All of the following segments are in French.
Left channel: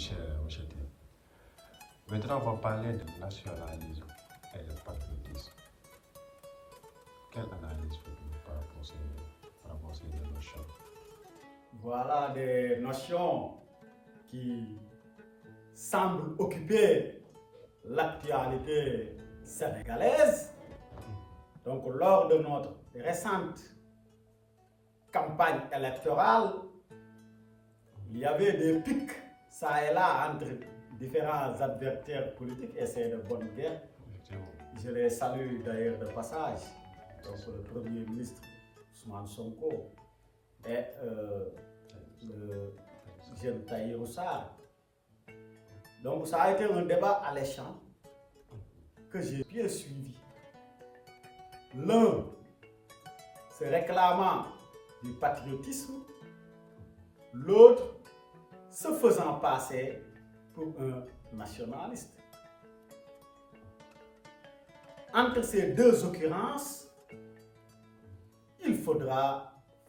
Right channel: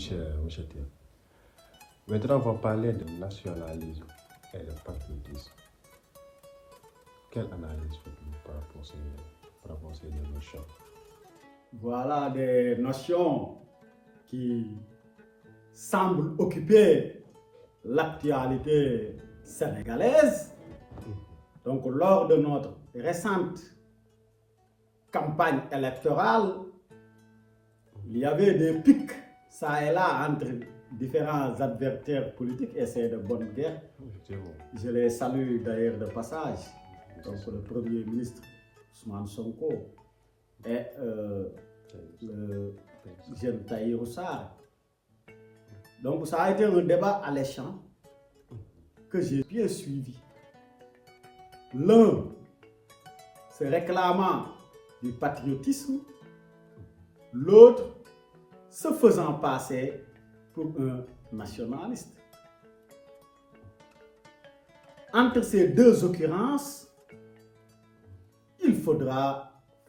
monsieur T. Maintenant, on va parler de nationalisme et de patriotisme. Quelle analyse faites-vous par rapport à ces deux notions? Voilà des notions qui semblent occuper l'actualité sénégalaise. Donc, lors de notre récente campagne électorale, il y avait des pics, ça et là, entre différents adversaires politiques, et c'est de bonne guerre. Je les salue d'ailleurs de passage. Donc, le Premier ministre Ousmane Sonko et le jeune Tahirou Sarr. Donc, ça a été un débat alléchant que j'ai bien suivi. L'un se réclamant du patriotisme, l'autre se faisant passer pour un nationaliste. Entre ces deux occurrences, il faudra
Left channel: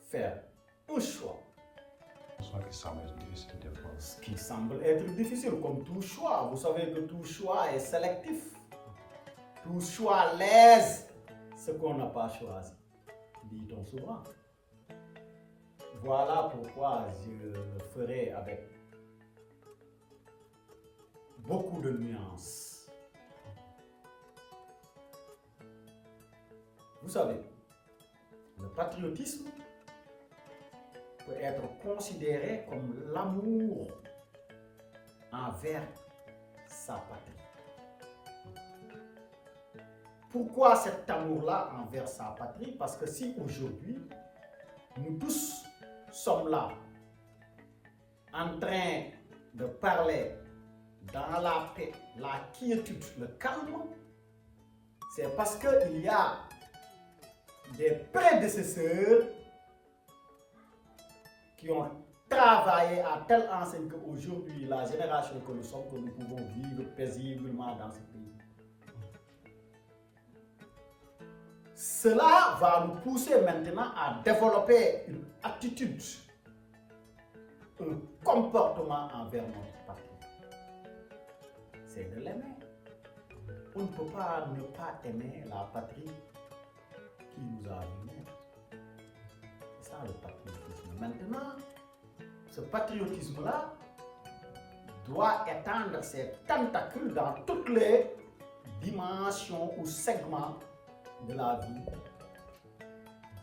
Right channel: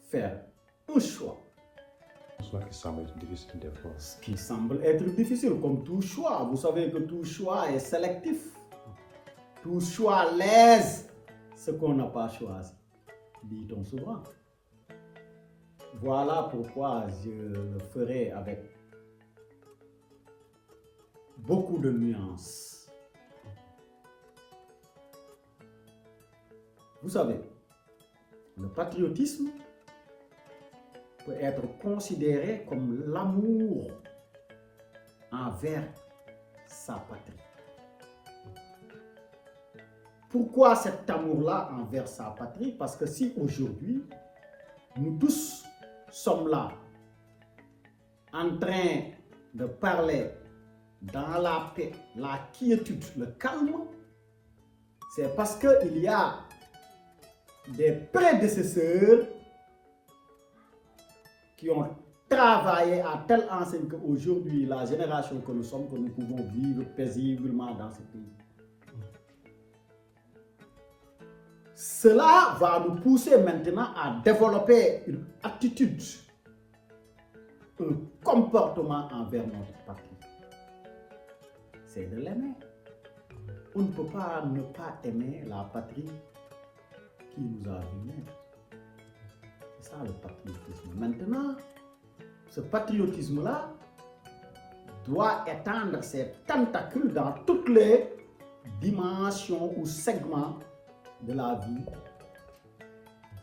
faire un choix. Qui semble difficile des fois. Ce qui semble être difficile, comme tout choix. Vous savez que tout choix est sélectif. Tout choix lèse ce qu'on n'a pas choisi, dit-on souvent. Voilà pourquoi je le ferai avec beaucoup de nuances. Vous savez, le patriotisme peut être considéré comme l'amour envers sa patrie. Pourquoi cet amour-là envers sa patrie? Parce que si aujourd'hui, nous tous sommes là, en train de parler dans la paix, la quiétude, le calme, c'est parce qu'il y a des prédécesseurs qui ont travaillé à telle enseigne qu'aujourd'hui, la génération que nous sommes, que nous pouvons vivre paisiblement dans ce pays. Cela va nous pousser maintenant à développer une attitude, un comportement envers notre patrie. C'est de l'aimer. On ne peut pas ne pas aimer la patrie qui nous a vus. C'est ça le patriotisme. Maintenant, ce patriotisme-là doit étendre ses tentacules dans toutes les dimensions ou segments de la vie.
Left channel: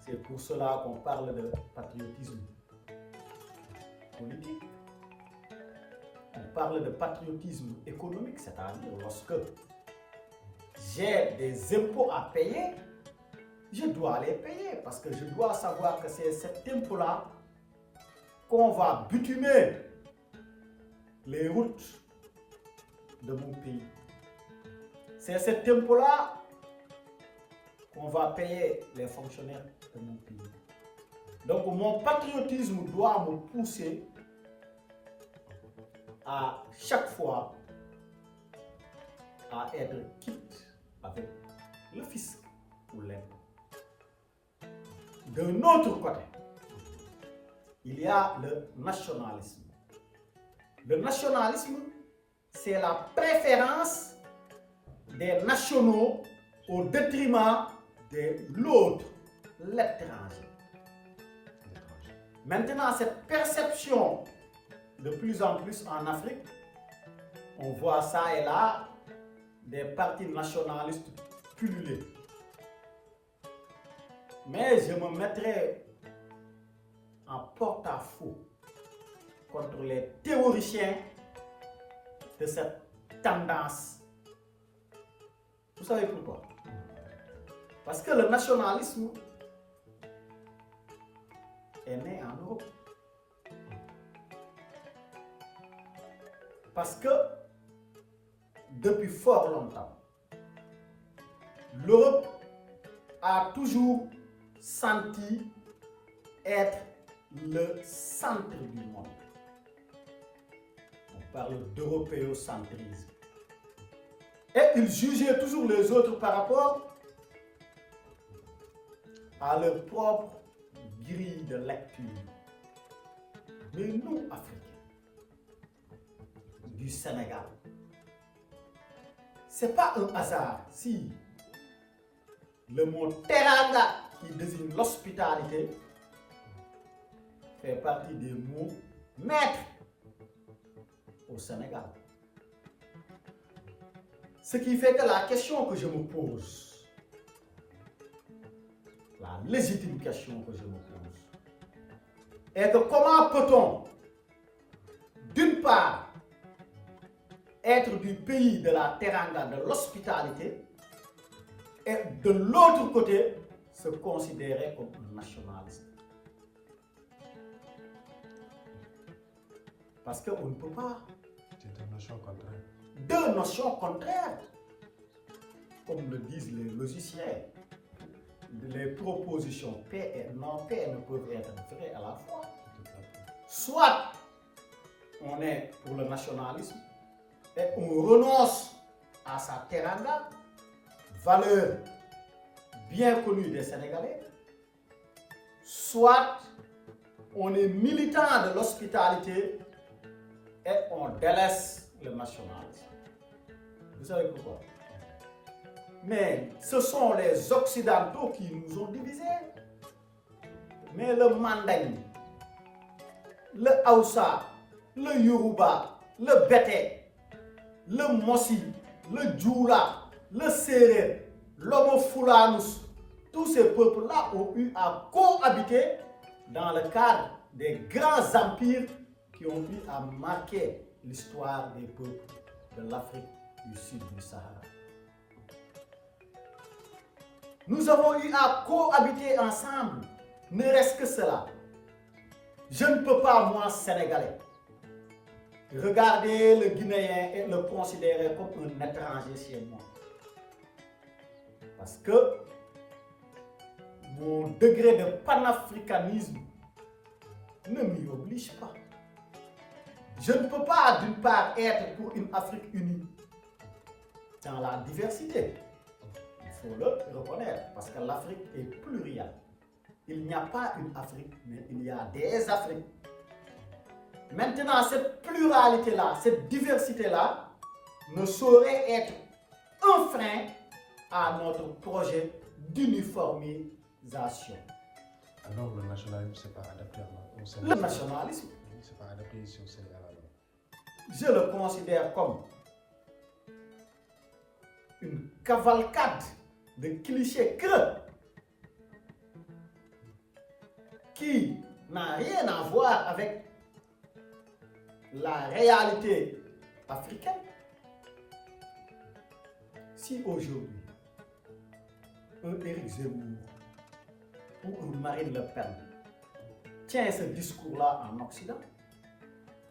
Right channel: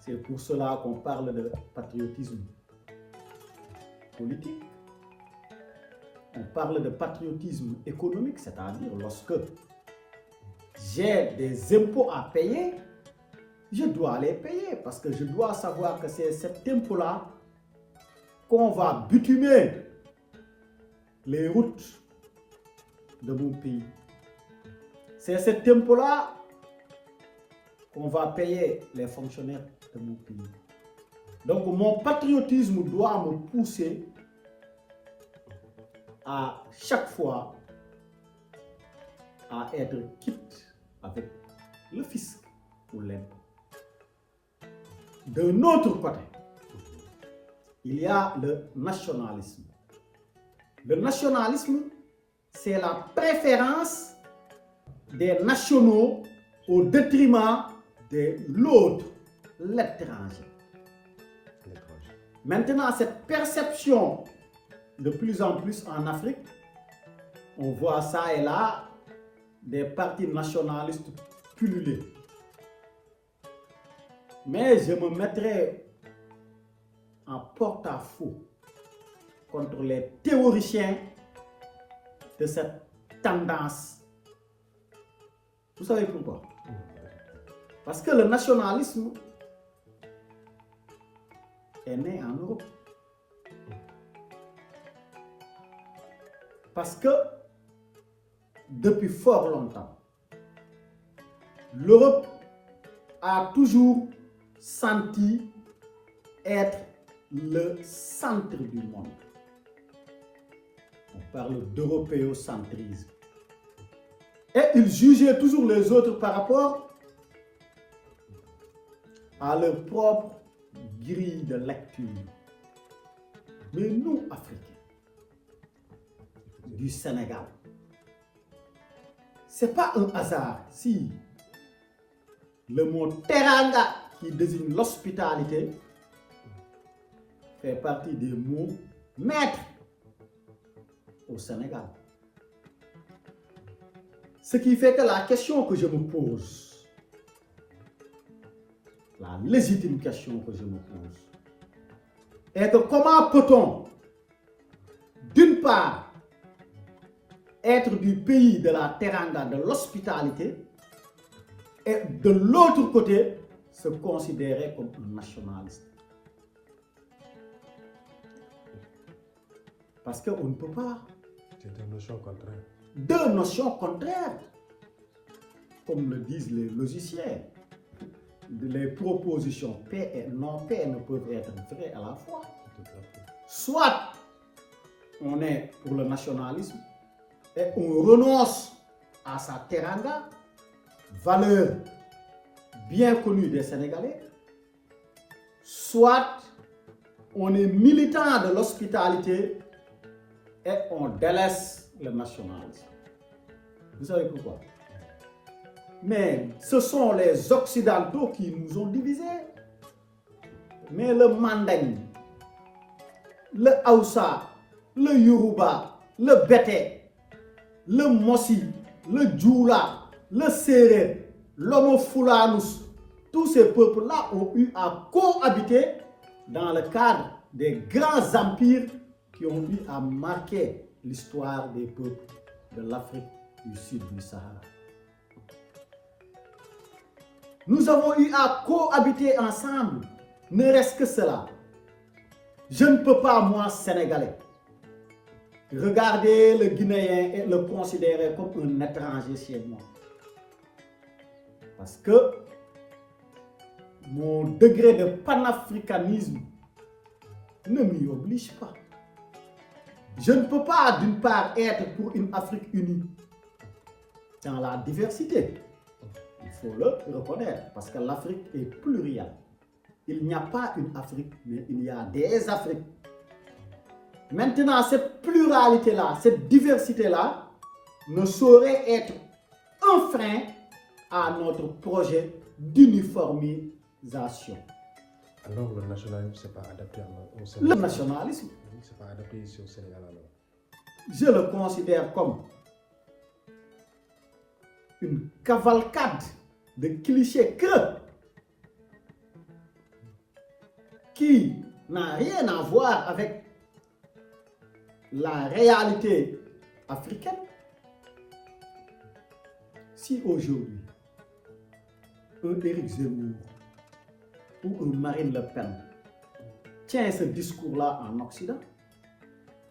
C'est pour cela qu'on parle de patriotisme politique. On parle de patriotisme économique, c'est-à-dire lorsque j'ai des impôts à payer, je dois les payer parce que je dois savoir que c'est cet impôt-là qu'on va bitumer les routes de mon pays. C'est cet impôt-là qu'on va payer les fonctionnaires de mon pays. Donc mon patriotisme doit me pousser à chaque fois à être quitte avec le fisc ou l'impôt. D'un autre côté, il y a le nationalisme. Le nationalisme, c'est la préférence des nationaux au détriment de l'autre, l'étranger. Maintenant, cette perception, de plus en plus en Afrique, on voit ça et là, des partis nationalistes pulluler. Mais je me mettrai en porte-à-faux contre les théoriciens de cette tendance. Vous savez pourquoi? Parce que le nationalisme est né en Europe. Parce que depuis fort longtemps, l'Europe a toujours senti être le centre du monde. On parle d'européocentrisme. Et ils jugeaient toujours les autres par rapport à leur propre grille de lecture. Mais nous, Africains, du Sénégal. Ce n'est pas un hasard si le mot teranga, qui désigne l'hospitalité, fait partie des mots maîtres au Sénégal. Ce qui fait que la question que je me pose, la légitime question que je me pose, est que comment peut-on, d'une part, être du pays de la teranga, de l'hospitalité, et de l'autre côté, se considérer comme un nationaliste. Parce qu'on ne peut pas. C'est deux notions contraires. Deux notions contraires. Comme le disent les logiciens. Les propositions paix et non-paix ne peuvent être vraies à la fois. Soit on est pour le nationalisme et on renonce à sa teranga, valeur bien connue des Sénégalais, soit on est militant de l'hospitalité et on délaisse le nationalisme. Vous savez pourquoi? Mais ce sont les Occidentaux qui nous ont divisés. Mais le Manding, le Hausa, le Yoruba, le Bété, le Mossi, le Djoula, le Séré, l'Homo Fulanus, tous ces peuples-là ont eu à cohabiter dans le cadre des grands empires qui ont eu à marquer l'histoire des peuples de l'Afrique du Sud du Sahara. Nous avons eu à cohabiter ensemble, ne reste que cela. Je ne peux pas, moi, Sénégalais, regarder le Guinéen et le considérer comme un étranger chez moi. Parce que mon degré de panafricanisme ne m'y oblige pas. Je ne peux pas, d'une part, être pour une Afrique unie dans la diversité. Il faut le reconnaître, parce que l'Afrique est plurielle. Il n'y a pas une Afrique, mais il y a des Afriques. Maintenant, cette pluralité-là, cette diversité-là, ne saurait être un frein à notre projet d'uniformisation. Alors, le nationalisme, c'est pas adapté au Sénégal. Le nationalisme, C'est pas adapté ici au Sénégal alors. je le considère comme une cavalcade de clichés creux qui n'a rien à voir avec la réalité africaine. Si aujourd'hui, un Éric Zemmour ou un Marine Le Pen tient ce discours-là en Occident,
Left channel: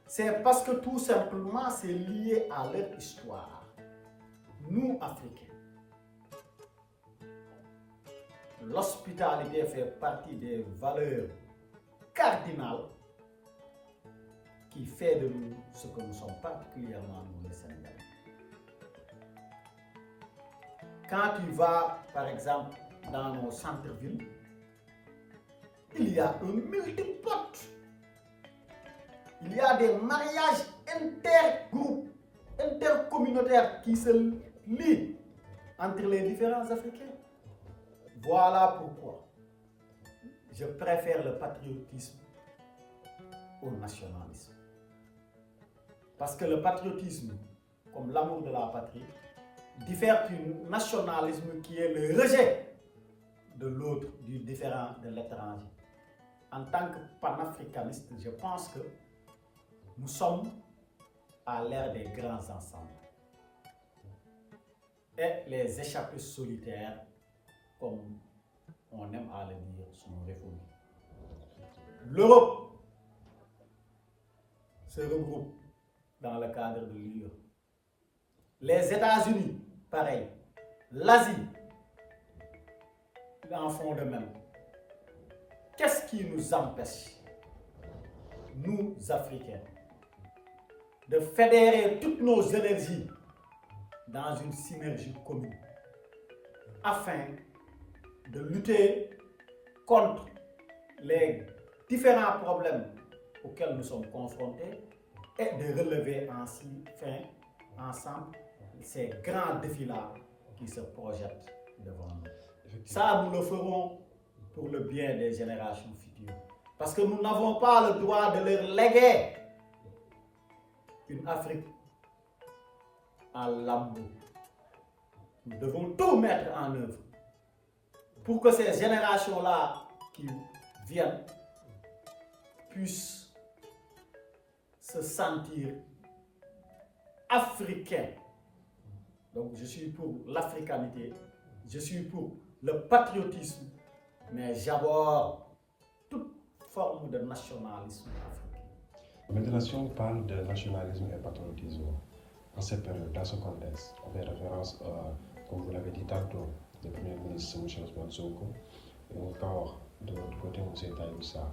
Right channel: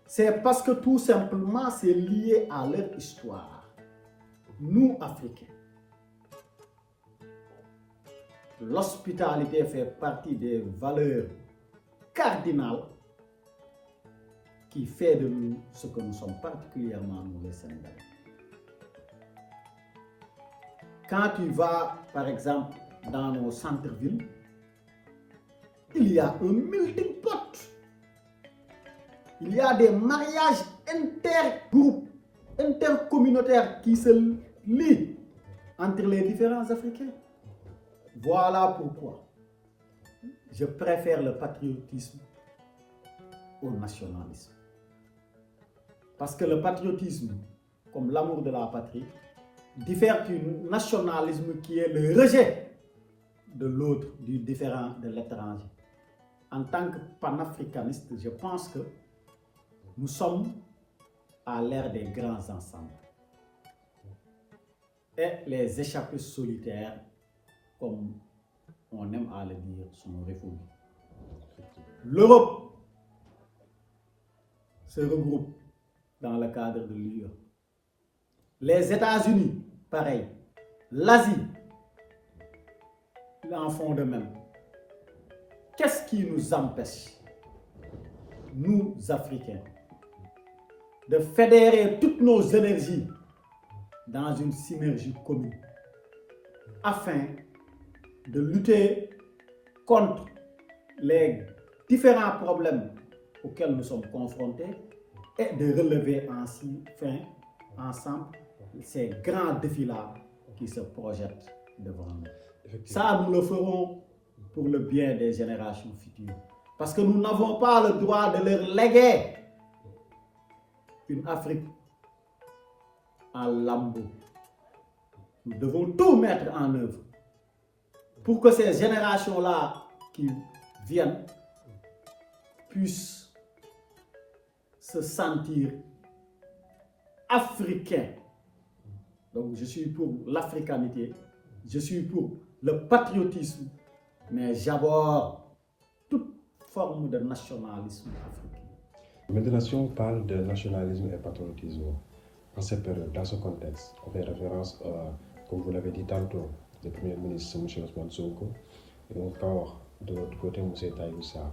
c'est parce que tout simplement c'est lié à leur histoire. Nous, Africains, l'hospitalité fait partie des valeurs cardinales qui fait de nous ce que nous sommes, particulièrement nous les Sénégalais. Quand tu vas, par exemple, dans nos centres-villes, il y a un melting pot. Il y a des mariages intergroupes, intercommunautaires qui se lient entre les différents Africains. Voilà pourquoi je préfère le patriotisme au nationalisme. Parce que le patriotisme, comme l'amour de la patrie, diffère du nationalisme qui est le rejet de l'autre, du différent, de l'étranger. En tant que panafricaniste, je pense que nous sommes à l'ère des grands ensembles. Et les échappés solitaires, comme on aime à le dire, sont révolus. L'Europe se regroupe dans le cadre de l'Union. Les États-Unis, pareil. L'Asie, ils en font de même. Qu'est-ce qui nous empêche, nous Africains, de fédérer toutes nos énergies dans une synergie commune afin de lutter contre les différents problèmes auxquels nous sommes confrontés et de relever ensemble ces grands défis-là qui se projettent devant nous. Ça, nous le ferons pour le bien des générations futures. Parce que nous n'avons pas le droit de leur léguer une Afrique en lambeaux. Nous devons tout mettre en œuvre pour que ces générations-là qui viennent puissent se sentir africains. Donc je suis pour l'africanité, je suis pour le patriotisme, mais j'aborde toute forme de nationalisme africain. Maintenant, si on parle de nationalisme et patriotisme, en cette période, dans ce contexte, on fait référence, comme vous l'avez dit tantôt, le Premier ministre M. Ousmane Sonko, et encore de l'autre côté M. Tahirou Sarr.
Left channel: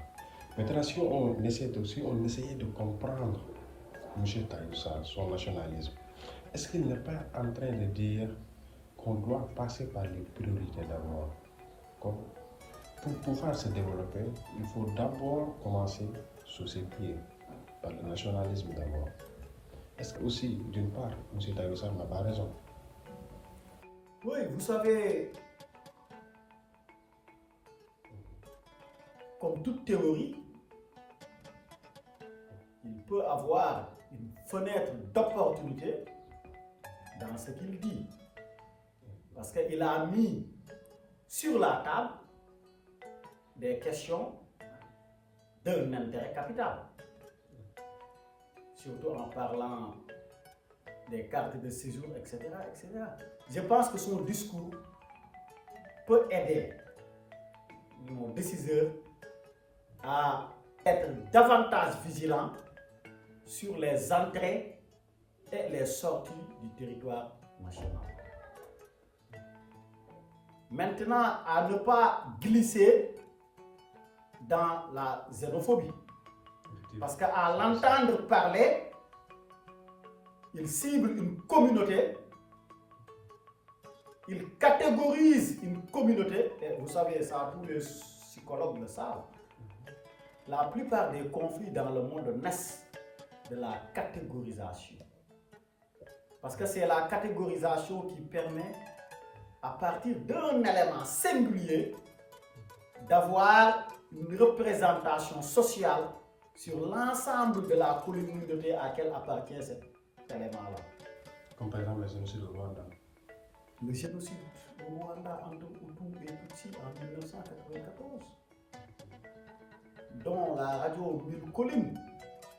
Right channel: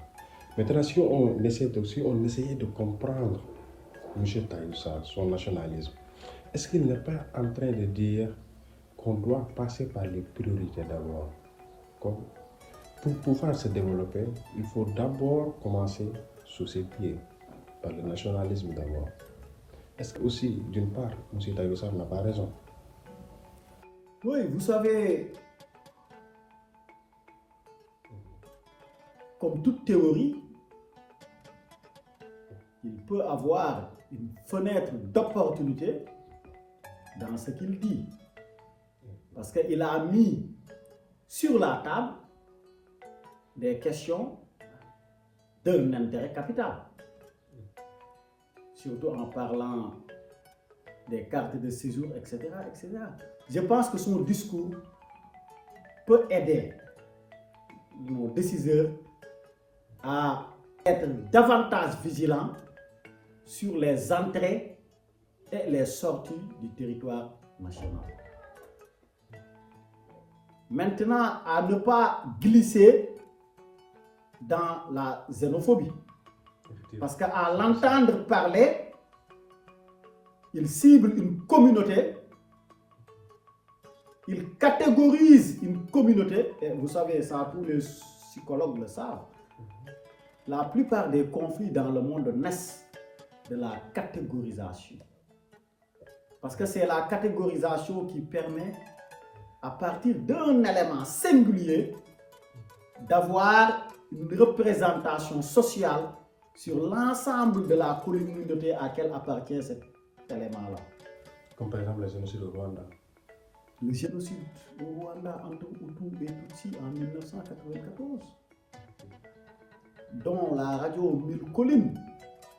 Maintenant, si on essayait de comprendre M. Tahirou Sarr, son nationalisme, est-ce qu'il n'est pas en train de dire qu'on doit passer par les priorités d'abord? Pour pouvoir se développer, il faut d'abord commencer sur ses pieds, par le nationalisme d'abord. Est-ce que aussi, d'une part, M. Tahirou Sarr n'a pas raison? Oui, vous savez, comme toute théorie, il peut avoir une fenêtre d'opportunité dans ce qu'il dit. Parce qu'il a mis sur la table des questions d'un intérêt capital. Surtout en parlant des cartes de séjour, etc., etc. Je pense que son discours peut aider nos décideurs à être davantage vigilants sur les entrées et les sorties du territoire national. Maintenant, à ne pas glisser dans la xénophobie. Parce qu'à l'entendre parler, il cible une communauté, il catégorise une communauté, et vous savez, ça tous les psychologues le savent. La plupart des conflits dans le monde naissent de la catégorisation. Parce que c'est la catégorisation qui permet, à partir d'un élément singulier, d'avoir une représentation sociale sur l'ensemble de la communauté à laquelle appartient cet élément-là. Comme par exemple le génocide au Rwanda. Le génocide au Rwanda entre Hutus et Tutsis en 1994, dont la radio Mille Collines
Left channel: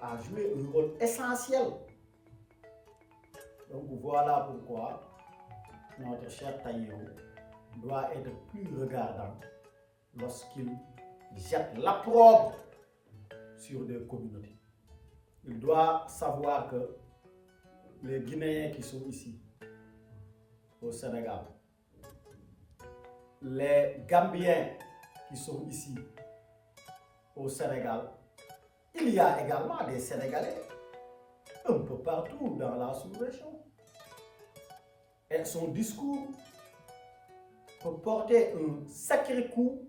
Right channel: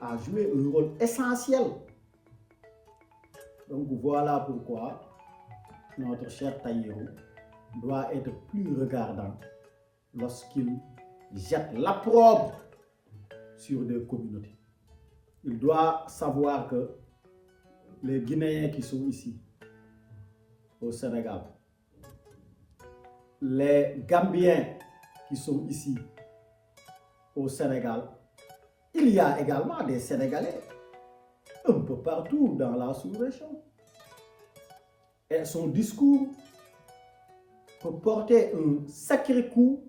a joué un rôle essentiel. Donc voilà pourquoi notre cher Tahirou doit être plus regardant lorsqu'il jette l'opprobre sur des communautés. Il doit savoir que les Guinéens qui sont ici, au Sénégal, les Gambiens qui sont ici, au Sénégal, il y a également des Sénégalais un peu partout dans la sous-région. Et son discours peut porter un sacré coup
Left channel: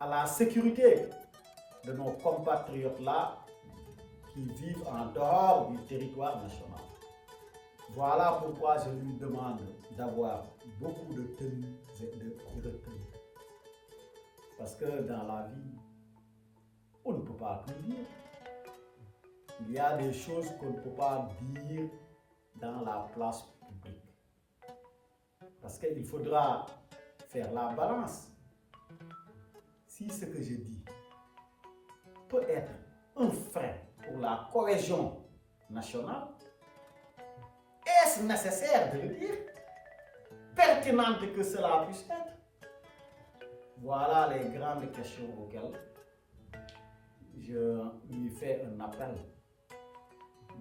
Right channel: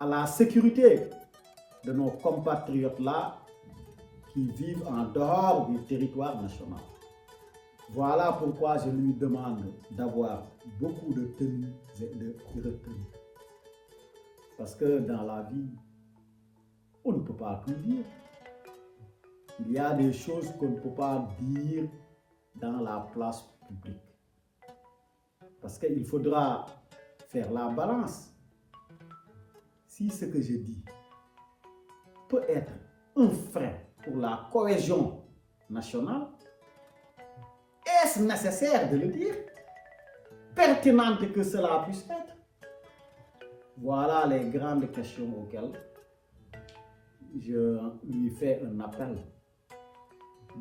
à la sécurité de nos compatriotes-là qui vivent en dehors du territoire national. Voilà pourquoi je lui demande d'avoir beaucoup de tenue et de retenue. Parce que dans la vie, on ne peut pas tout dire. Il y a des choses qu'on ne peut pas dire dans la place publique. Parce qu'il faudra faire la balance. Si ce que je dis peut être un frein pour la cohésion nationale, est-ce nécessaire de le dire? Pertinente que cela puisse être? Voilà les grandes questions auxquelles je lui fais un appel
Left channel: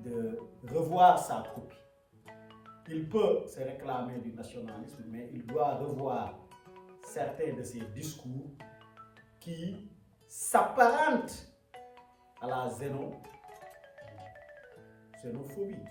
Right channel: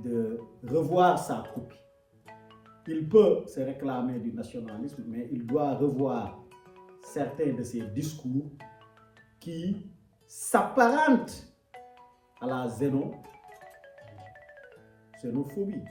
de revoir sa copie. Il peut se réclamer du nationalisme, mais il doit revoir certains de ses discours qui s'apparentent à la xénophobie.